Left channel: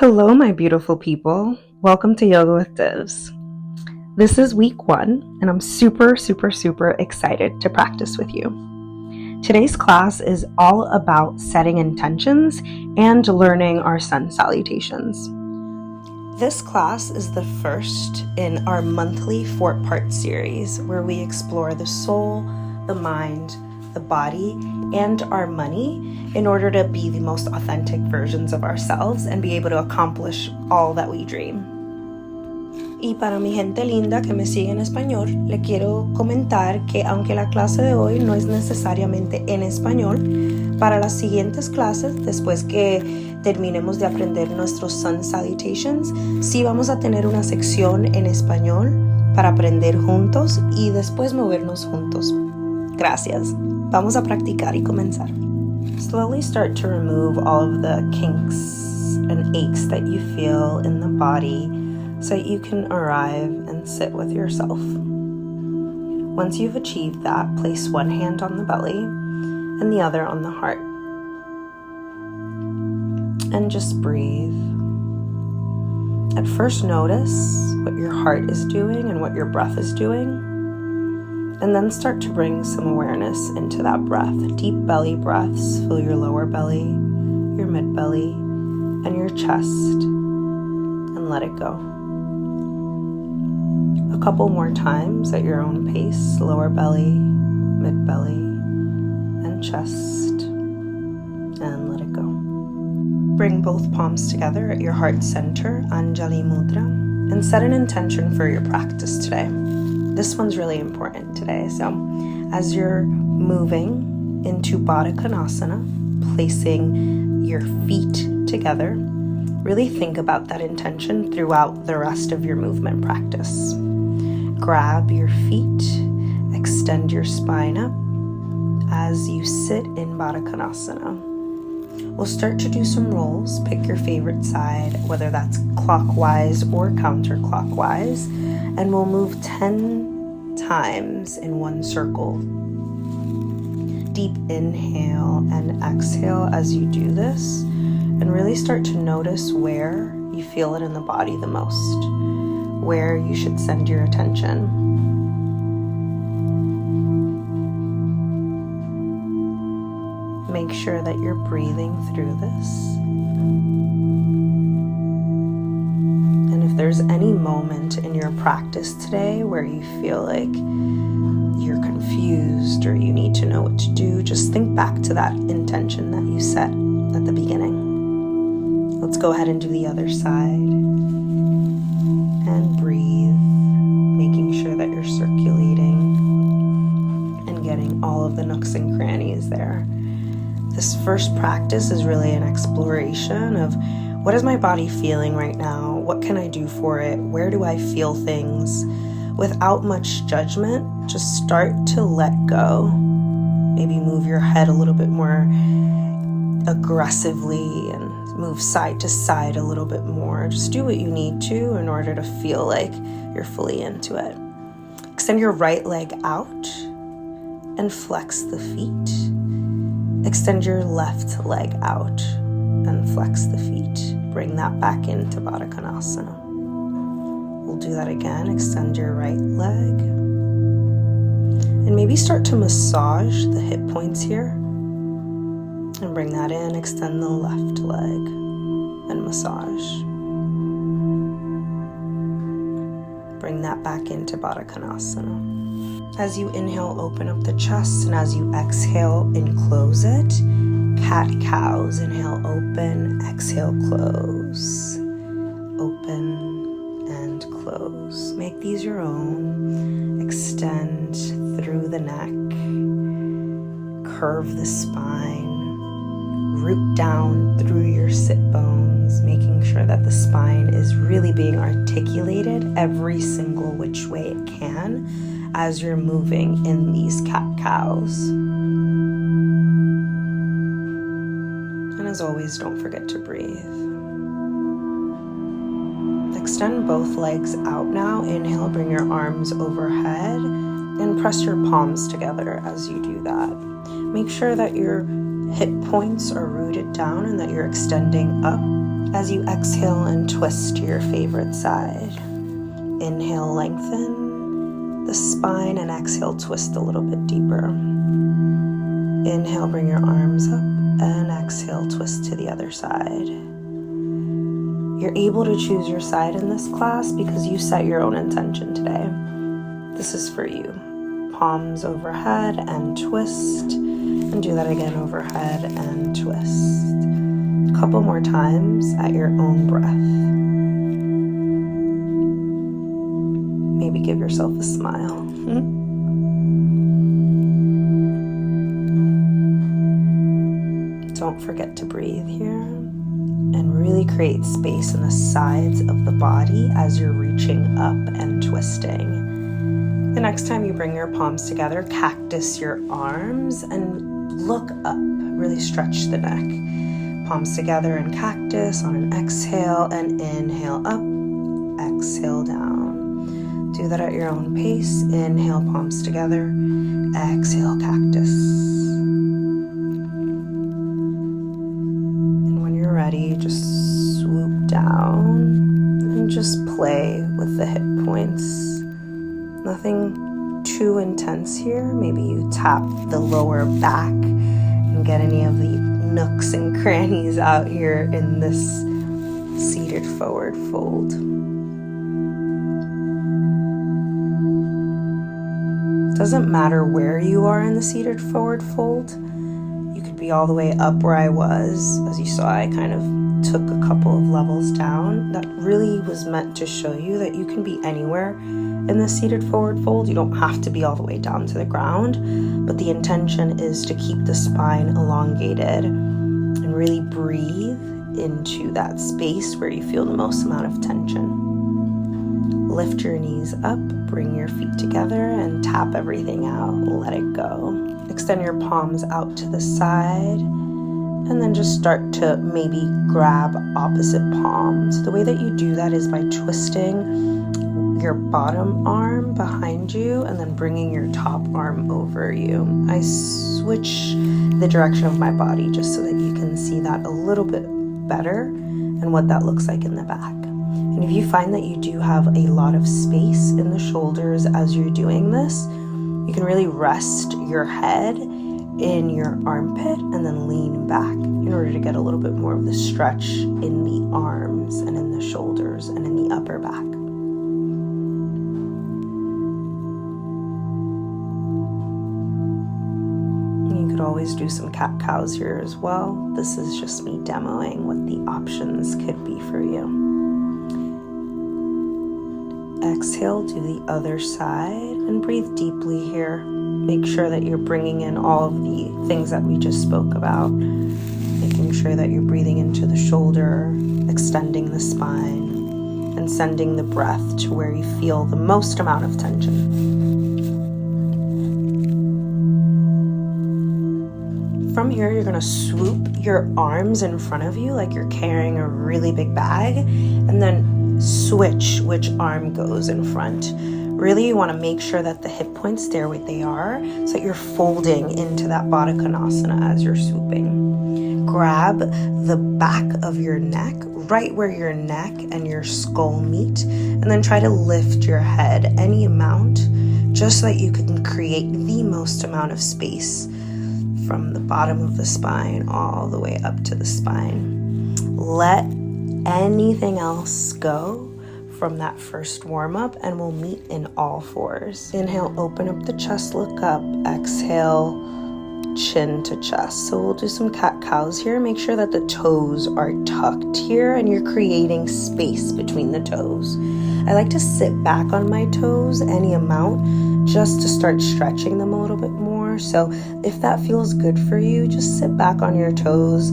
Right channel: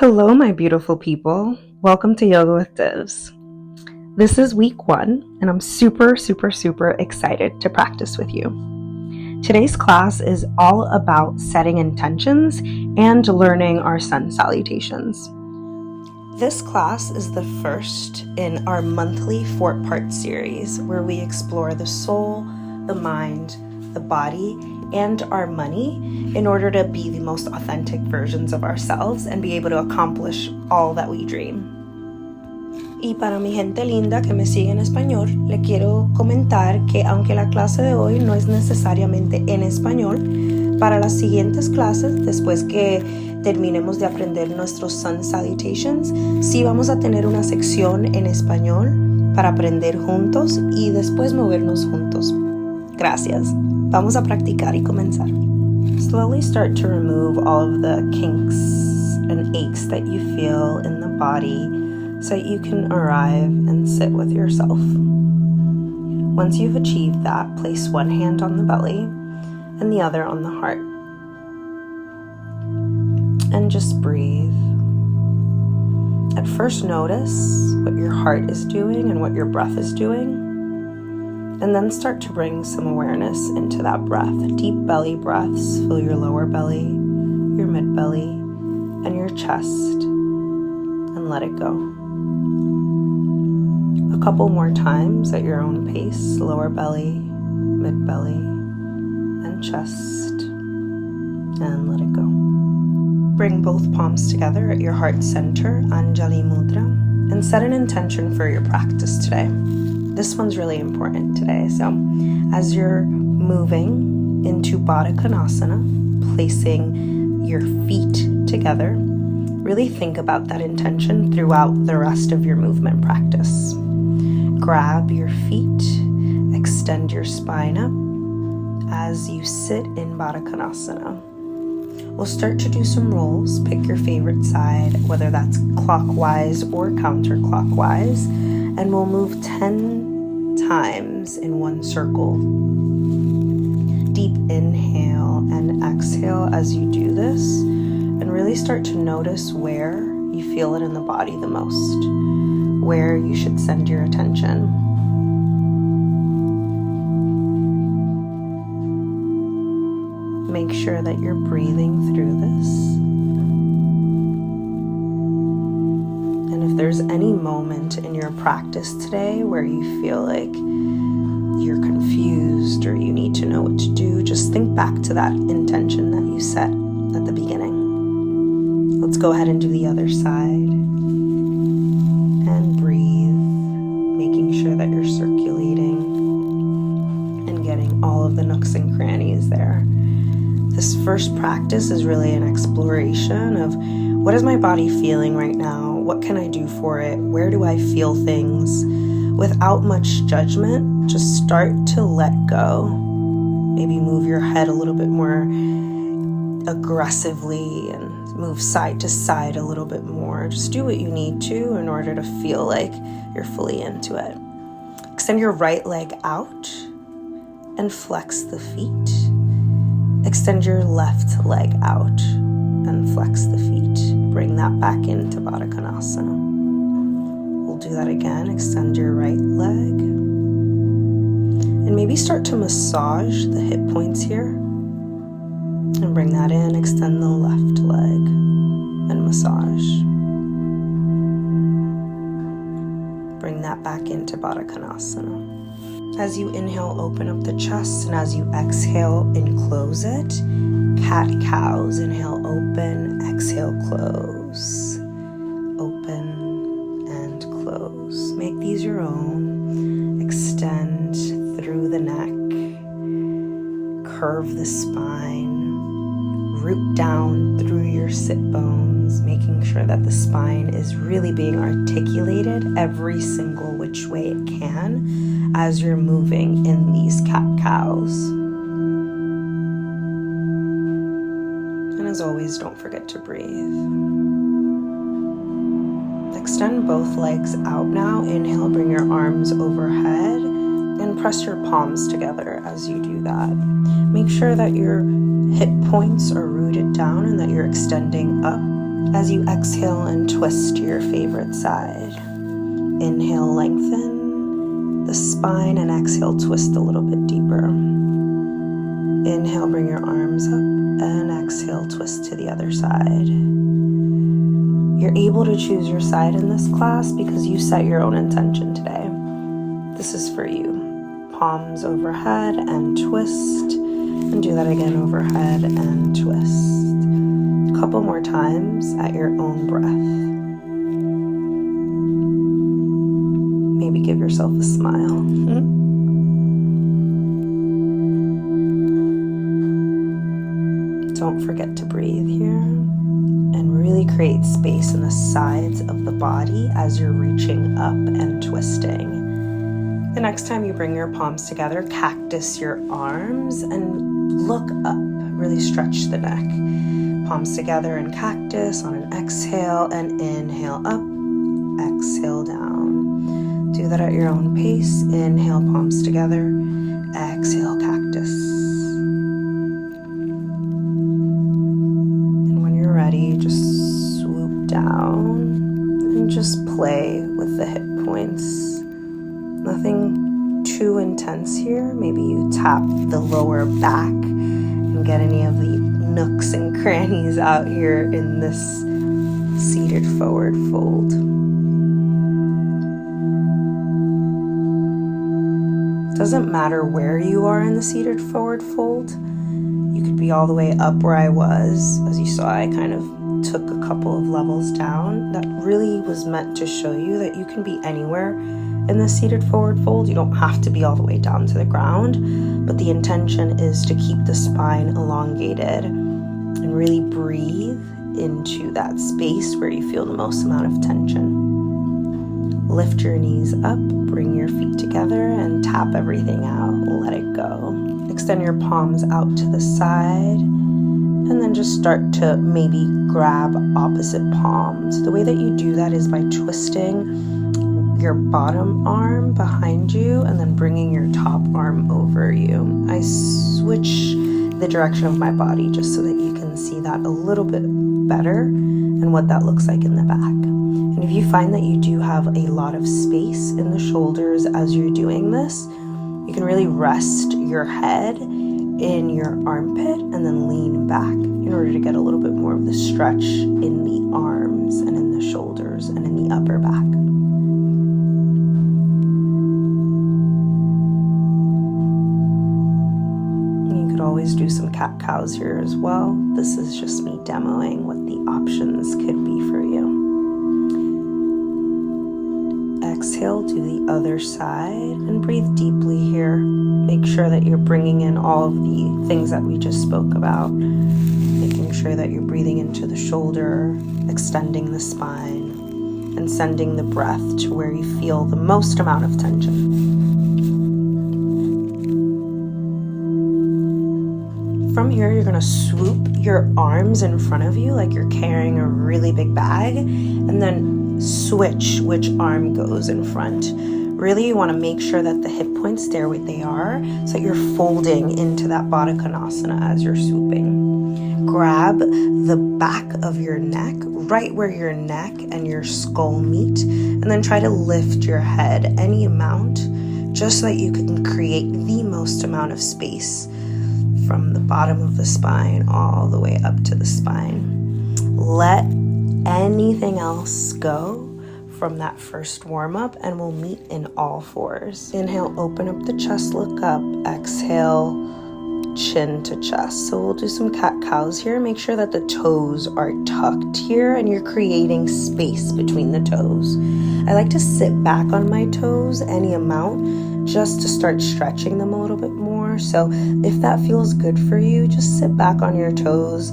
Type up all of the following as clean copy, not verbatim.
Hello, my beautiful people. Welcome to Yoga with Divs. This is week 1, and I'm super excited to practice with you. Today's class is all about setting intentions and learning our sun salutations. This class is the first in our monthly 4-part series where we explore the soul, the mind, the body, and our money in order to be the most authentic versions of ourselves and be able to accomplish all that we dream. Y para mi gente linda que me sigue en español, le quiero comentar que aunque la clase de hoy no es necesariamente en español, para las siguientes clases, después que terminemos de aprender nuestros sun salutations, sí vamos a tener una sección en español para aprender juntos y después movernos juntos. Gracias. Vamos a practicar y comenzar. Slowly start to remove all of the kinks and aches that you feel in the body so that you can arrive and sit with yourself. Once you've achieved that, place one hand on the belly and the other on the heart. And just breathe. At first, notice what your heart is doing and what your breath is doing. And then start to bring some awareness into that breath. Deep belly breaths fill your lower belly, your mid belly, and your chest. And let it go. A couple more times at your own pace. Lower belly, mid belly, and chest. And let it go. Bring both palms together at your heart center, Anjali Mudra, and set an intention for your practice today. This one's really important today. So as you're moving into Baddha Konasana, placing your feet together, really think about that intention throughout the rest of your movement practice. Grab your feet, extend your spine up as you sit in Baddha Konasana. We'll start to do some rolls. Pick your favorite side, whether that's clockwise or counterclockwise, and we'll move 10 times in one circle. Deep inhale and exhale as you do this, and really start to notice where you feel it in the body the most, where you should send your attention. Make sure that you're breathing through this. And if there's any moment in your practice today where you feel like you're confused or you need to know what to do, just think back to that intention that you set at the beginning. Let's go ahead and do the other side. And breathe, making sure that you're circulating and getting all of the nooks and crannies there. This first practice is really an exploration of what is my body feeling right now? What can I do for it? Where do I feel things? Without much judgment, just start to let go. Maybe move your head a little bit more aggressively and move side to side a little bit more. Just do what you need to in order to feel like you're fully into it. Extend your right leg out and flex the feet. Extend your left leg out and flex the feet. Bring that back into Baddha Konasana. We'll do that again. Extend your right leg. And maybe start to massage the hip points here. And bring that in. Extend the left leg and massage. Bring that back into Baddha Konasana. As you inhale, open up the chest, and as you exhale, enclose it. Cat-cows. Inhale, open. Exhale, close. Open and close. Make these your own. Extend through the neck. Curve the spine. Root down through your sit bones, making sure that the spine is really being articulated every single which way it can as you're moving in these cat-cows. And as always, don't forget to breathe. Extend both legs out now. Inhale, bring your arms overhead and press your palms together as you do that. Make sure that your hip points are rooted down and that you're extending up As you exhale and twist to your favorite side, inhale, lengthen the spine, and exhale, twist a little bit deeper. Inhale, bring your arms up, and exhale, twist to the other side. You're able to choose your side in this class because you set your own intention today. This is for you. Palms overhead and twist, and do that again, overhead and twist. A couple more times at your own breath. Maybe give yourself a smile. Don't forget to breathe here and really create space in the sides of the body as you're reaching up and twisting. The next time you bring your palms together, cactus your arms and look up. Really stretch the neck. Palms together and cactus on an exhale, and inhale up, exhale down. Do that at your own pace. Inhale, palms together, exhale, cactus. Ready, just swoop down and just play with the hip points. Nothing too intense here. Maybe you tap the lower back and get any of the nooks and crannies out here in this seated forward fold. Doesn't matter where you are in the seated forward fold. You could be all the way up where I was. As you saw, I kind of took a couple of levels down. That really was meant to show you that you can be anywhere in the seated forward fold. You don't have to be all the way down to the ground, but the intention is to keep the spine elongated and really breathe into that space where you feel the most amount of tension. Lift your knees up, bring your feet together, and tap everything out. Let it go. Extend your palms out to the side, and then just start to maybe grab opposite palms. The way that you do that is by twisting your bottom arm behind you and then bringing your top arm over you. I switch the direction of my body just so that you can see that a little bit better and what that looks like in the back. And if you find that you do have a lot of space in the shoulders as you're doing this, you can really rest your head in your armpit and then lean back in order to get a little bit more of the stretch in the arms and in the shoulders and in the upper back. You could always do some cat-cows here as well. This is just me demoing what the options could be for you. Exhale, do the other side, and breathe deeply here. Make sure that you're bringing in all of the things that we just spoke about. Making sure that you're breathing into the shoulder, extending the spine, and sending the breath to where you feel the most amount of tension. From here, you're going to swoop your arms in front of you like you're carrying a really big bag, and then switch which arm goes in front. Really, you want to make sure that the hip points stay where they are so that you're folding into that Baddha Konasana as you're swooping. Grab the back of your neck, right where your neck and your skull meet, and then try to lift your head any amount just so that you can create the most amount of space from the bottom of the spine all the way up to the spine. Let anything else go from that first warm-up, and we'll meet in all fours. Inhale, open up the chest, look up. Exhale, chin to chest. So we'll do some cat-cows here. Make sure that the toes are tucked here and you're creating space between the toes. I like to sit back on my toes any amount just to start stretching them a little bit more. So if that feels good for you, just sit back on your toes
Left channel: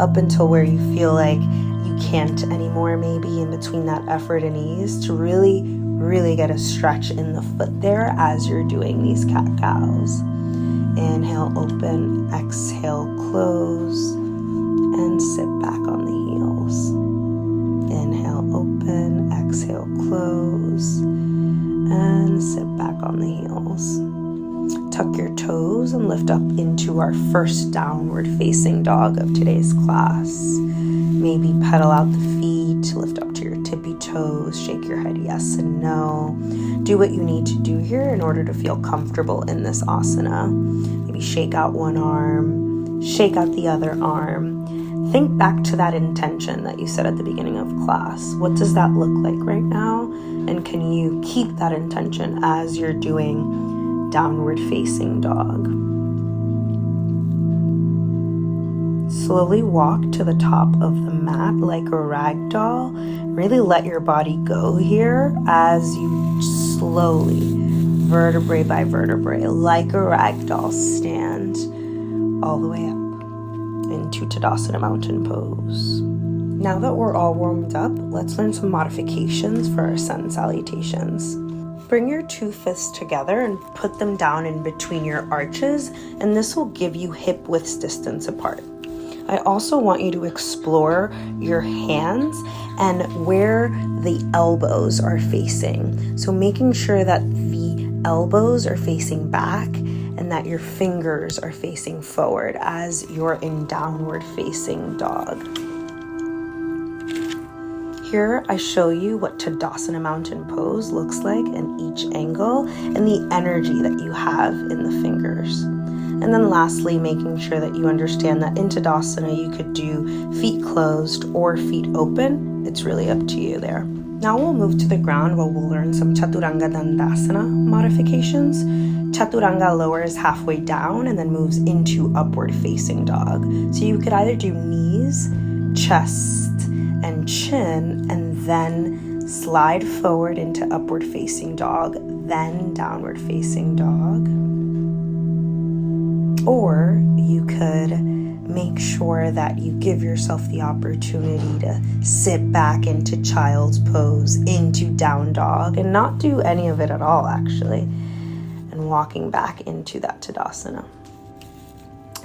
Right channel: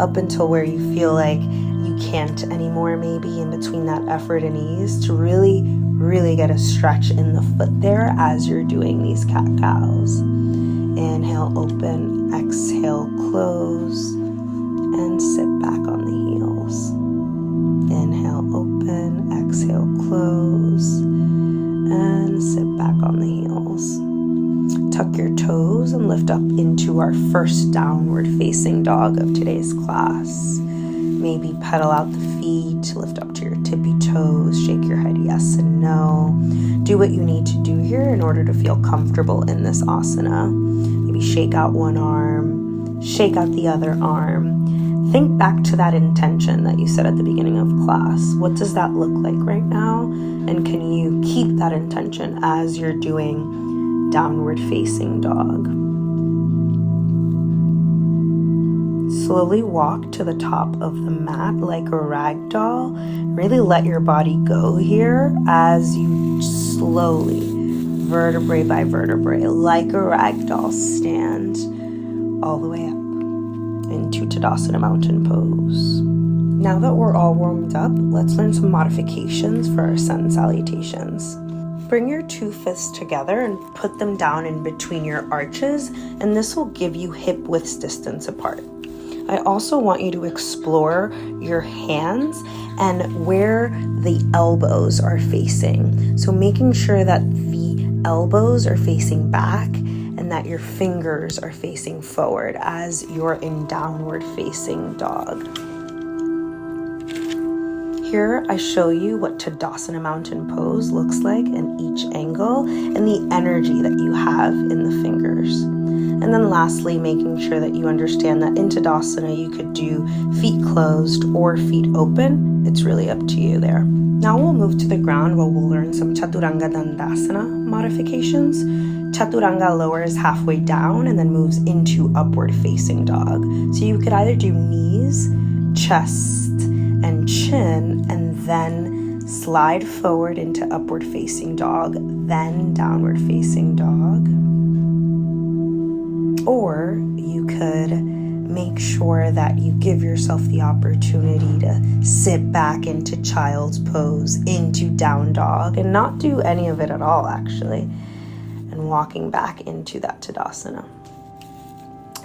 up until where you feel like you can't anymore, maybe in between that effort and ease, to really get a stretch in the foot there as you're doing these cat-cows. Inhale, open, exhale, close, and sit back on the heels. Inhale, open, exhale, close, and sit back on the heels. Tuck your toes and lift up into our first downward facing dog of today's class. maybe pedal out the feet, lift up to your tippy toes, shake your head yes and no. Do what you need to do here in order to feel comfortable in this asana. Maybe shake out one arm, shake out the other arm. Think back to that intention that you said at the beginning of class. What does that look like right now? And can you keep that intention as you're doing downward facing dog? Slowly walk to the top of the mat like a rag doll. Really let your body go here as you slowly, vertebrae by vertebrae, like a rag doll, stand all the way up into Tadasana Mountain Pose. Now that we're all warmed up, let's learn some modifications for our sun salutations. Bring your 2 fists together and put them down in between your arches, and this will give you hip width distance apart. I also want you to explore your hands and where the elbows are facing. So making sure that the elbows are facing back and that your fingers are facing forward as you're in downward facing dog. Here I show you what Tadasana Mountain Pose looks like in each angle and the energy that you have in the fingers. And then lastly, making sure that you understand that in Tadasana you could do feet closed or feet open. It's really up to you there. Now we'll move to the ground where we'll learn some Chaturanga Dandasana modifications. Chaturanga lowers halfway down and then moves into upward facing dog. So you could either do knees, chest, and chin, and then slide forward into upward facing dog, then downward facing dog. Or you could make sure that you give yourself the opportunity to sit back into child's pose, into down dog, and not do any of it at all, actually, and walking back into that Tadasana.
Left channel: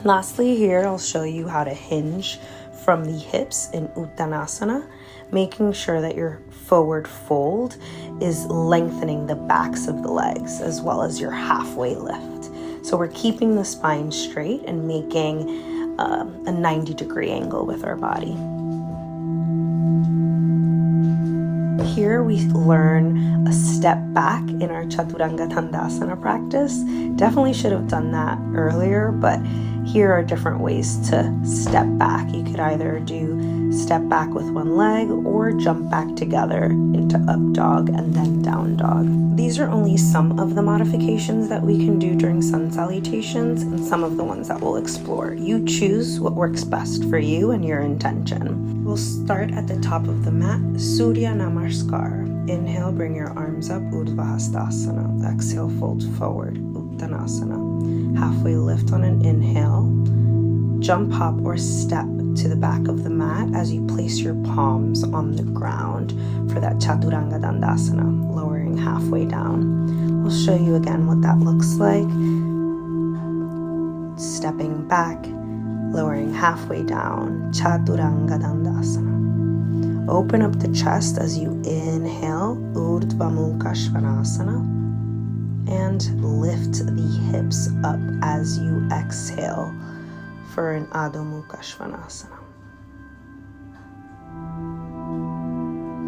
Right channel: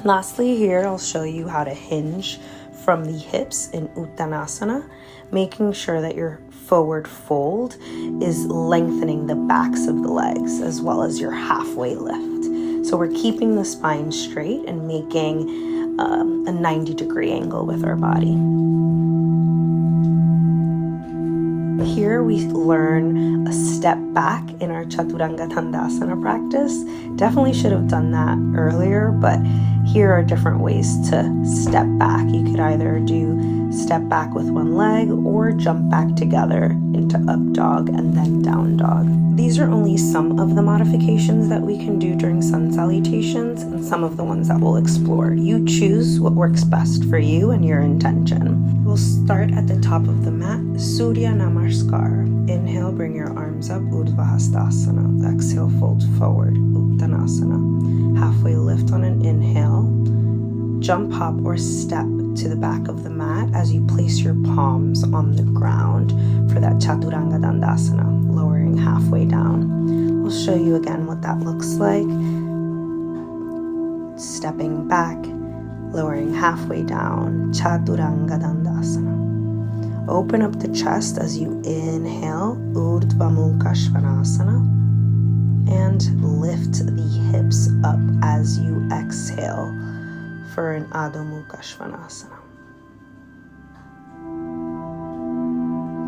Lastly, here I'll show you how to hinge from the hips in Uttanasana, making sure that your forward fold is lengthening the backs of the legs as well as your halfway lift. So we're keeping the spine straight and making a 90-degree angle with our body. Here we learn a step back in our Chaturanga Dandasana practice. Definitely should have done that earlier, but here are different ways to step back. You could either do step back with one leg or jump back together into up dog and then down dog. These are only some of the modifications that we can do during sun salutations and some of the ones that we'll explore. You choose what works best for you and your intention. We'll start at the top of the mat, Surya Namaskar. Inhale, bring your arms up, Urdhva Hastasana. Exhale, fold forward, Uttanasana. Halfway lift on an inhale. Jump, hop, or step to the back of the mat as you place your palms on the ground for that Chaturanga Dandasana, lowering halfway down. I'll show you again what that looks like. Stepping back, lowering halfway down, Chaturanga Dandasana. Open up the chest as you inhale, Urdhva Mukha Svanasana, and lift the hips up as you exhale for an Adho Mukha Svanasana.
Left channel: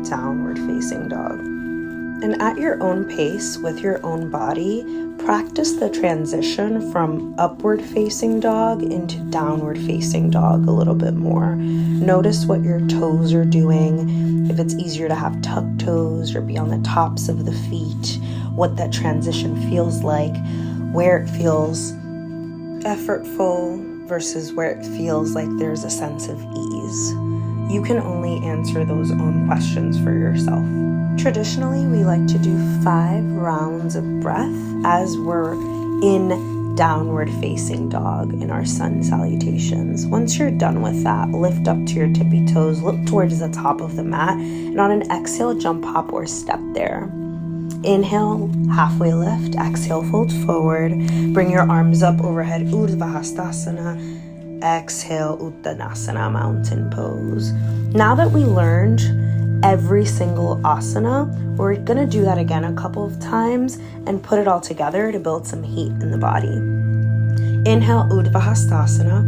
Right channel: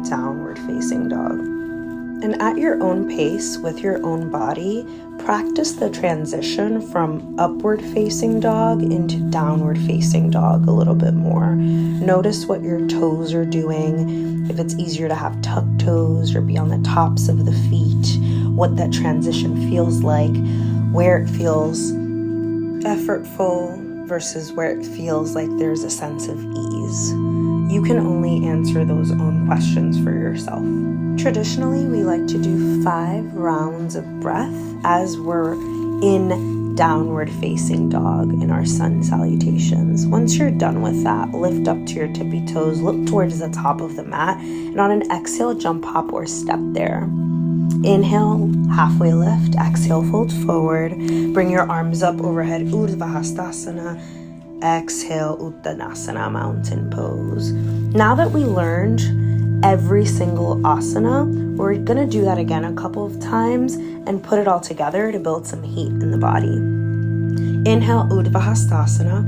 Downward facing dog. And at your own pace, with your own body, practice the transition from upward facing dog into downward facing dog a little bit more. Notice what your toes are doing, if it's easier to have tucked toes or be on the tops of the feet, what that transition feels like, where it feels effortful versus where it feels like there's a sense of ease. You can only answer those own questions for yourself. Traditionally, we like to do 5 rounds of breath as we're in downward facing dog in our sun salutations. Once you're done with that, lift up to your tippy toes, look towards the top of the mat, and on an exhale, jump, hop, or step there. Inhale, halfway lift. Exhale, fold forward. Bring your arms up overhead, Urdhva Hastasana. Exhale, Uttanasana, mountain pose. Now that we learned every single asana, we're going to do that again a couple of times and put it all together to build some heat in the body. Inhale, Urdhva Hastasana.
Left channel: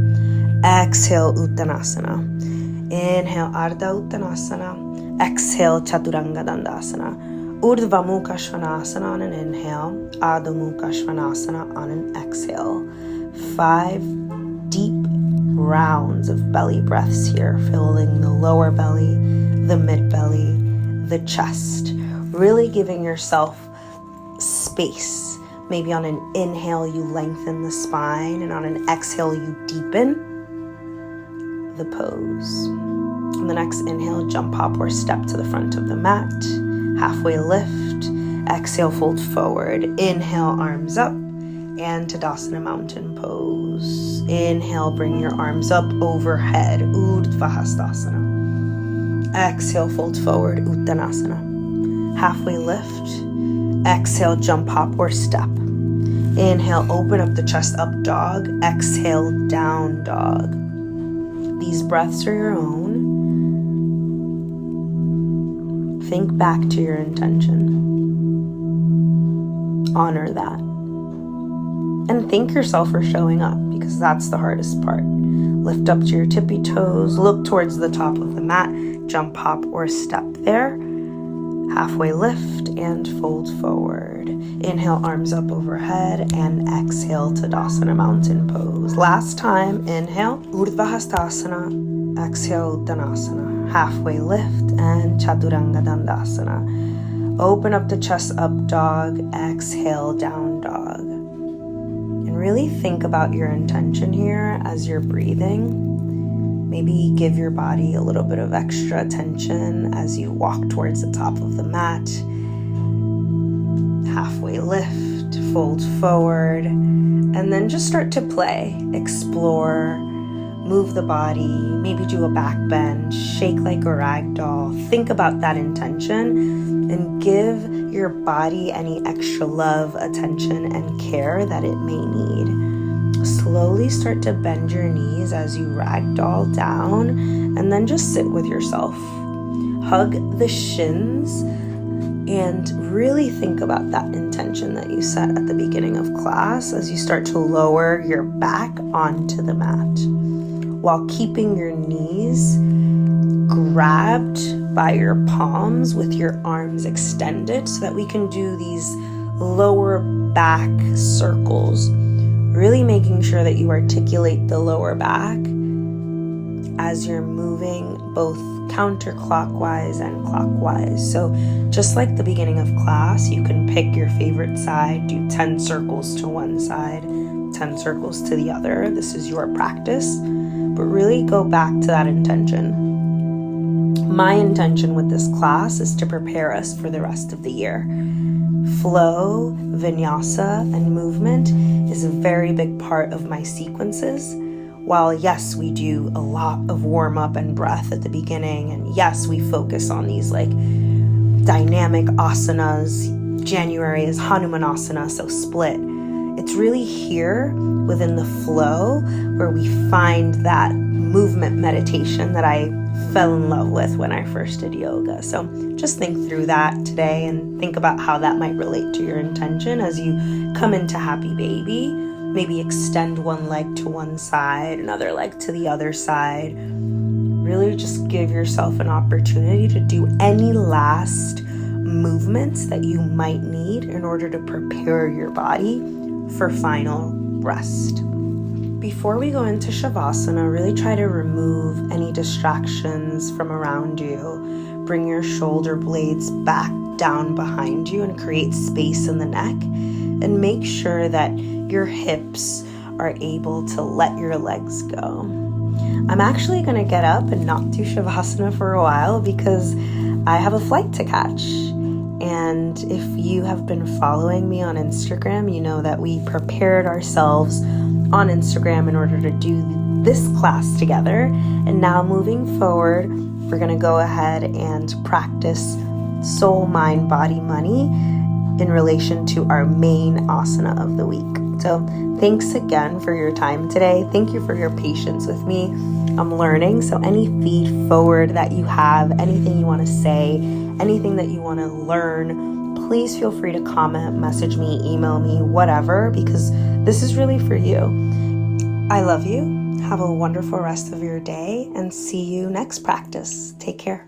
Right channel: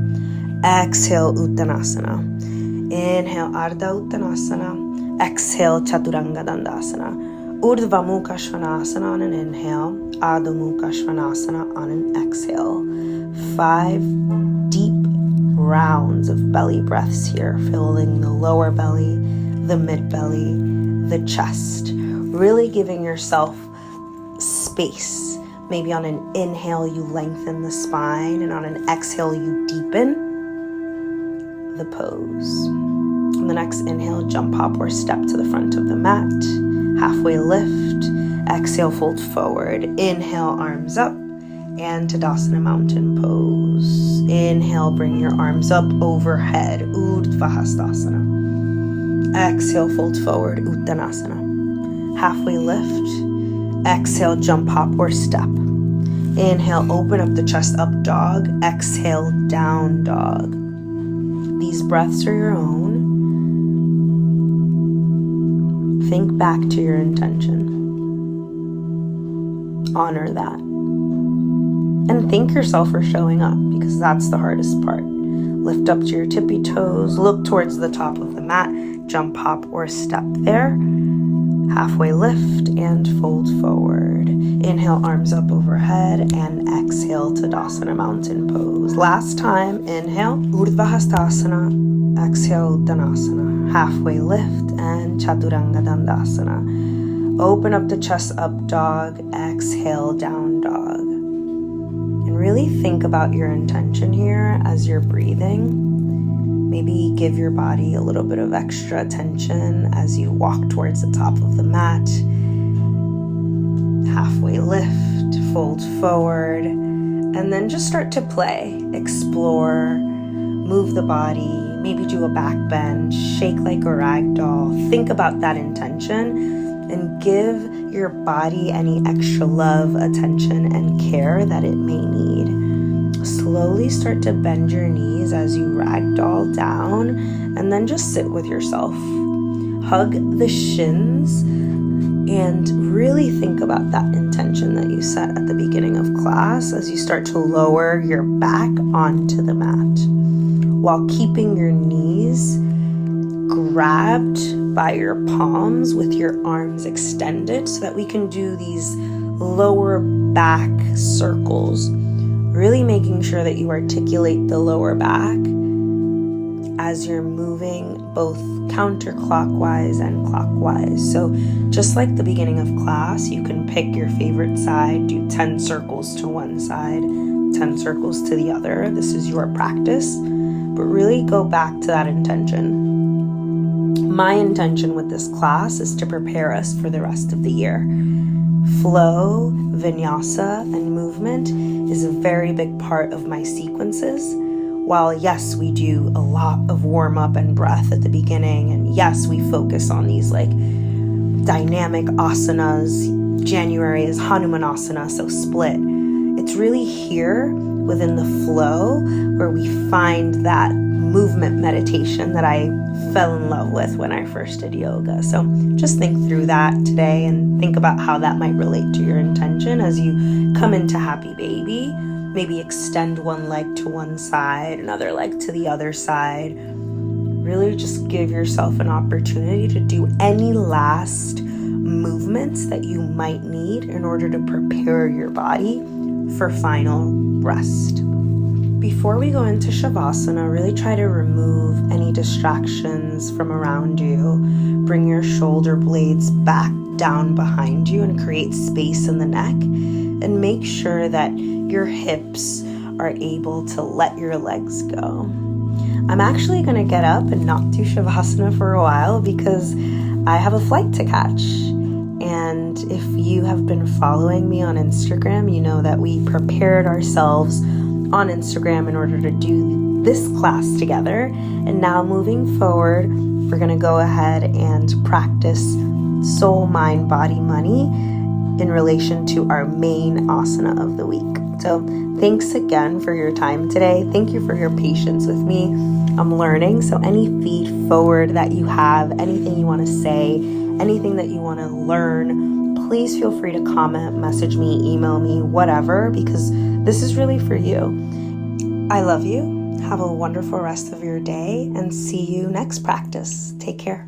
Exhale, Uttanasana. Inhale, Ardha Uttanasana. Exhale, Chaturanga Dandasana. Urdhva Mukha Svanasana on an inhale. Adho Mukha Svanasana on an exhale. 5 deep rounds of belly breaths here, filling the lower belly, the mid belly, the chest. Really giving yourself space. Maybe on an inhale, you lengthen the spine, and on an exhale, you deepen the pose. On the next inhale, jump, hop, or step to the front of the mat. Halfway lift. Exhale, fold forward. Inhale, arms up, and Tadasana mountain pose. Inhale, bring your arms up overhead. Urdhva Hastasana. Exhale, fold forward. Uttanasana. Halfway lift. Exhale, jump, hop, or step. Inhale, open up the chest, up dog. Exhale, down dog. These breaths are your own. Think back to your intention. Honor that. And thank yourself for showing up, because that's the hardest part. Lift up to your tippy toes. Look towards the top of the mat. Jump, hop, or step there. Halfway lift and fold forward. Inhale, arms up overhead, and exhale, Tadasana mountain pose. Last time, inhale, Urdhva Hastasana. Exhale, Uttanasana. Halfway lift and Chaturanga Dandasana. Open up the chest, up dog. Exhale, down dog. And really think about your intention here as you're breathing. Maybe give your body a little bit of extra attention as you walk towards the top of the mat. Halfway lift, fold forward, and then just start to play. Explore, move the body, maybe do a back bend, shake like a rag doll. Think about that intention and give your body any extra love, attention, and care that it may need. Slowly start to bend your knees as you ragdoll down, and then just sit with yourself. Hug the shins and really think about that intention that you set at the beginning of class as you start to lower your back onto the mat, while keeping your knees grabbed by your palms with your arms extended, so that we can do these lower back circles. Really making sure that you articulate the lower back as you're moving both counterclockwise and clockwise. So just like the beginning of class, you can pick your favorite side, do 10 circles to one side, 10 circles to the other. This is your practice, but really go back to that intention. My intention with this class is to prepare us for the rest of the year. Flow, vinyasa, and movement is a very big part of my sequences. While yes, we do a lot of warm up and breath at the beginning, and yes, we focus on these like dynamic asanas. January is Hanumanasana, so split. It's really here within the flow where we find that movement meditation that I fell in love with when I first did yoga. So just think through that today and think about how that might relate to your intention as you come into Happy Baby. Maybe extend one leg to one side, another leg to the other side. Really just give yourself an opportunity to do any last movements that you might need in order to prepare your body for final rest. Before we go into Shavasana, really try to remove any distractions from around you. Bring your shoulder blades back down behind you and create space in the neck. And make sure that your hips are able to let your legs go. I'm actually going to get up and not do Shavasana for a while because I have a flight to catch. And if you have been following me on Instagram, you know that we prepared ourselves on Instagram in order to do this class together. And now moving forward, we're going to go ahead and practice soul, mind, body, money in relation to our main asana of the week. So thanks again for your time today. Thank you for your patience with me. I'm learning. So any feed forward that you have, anything you want to say, anything that you want to learn, please feel free to comment, message me, email me, whatever, because this is really for you. I love you, Have a wonderful rest of your day and see you next practice. Take care.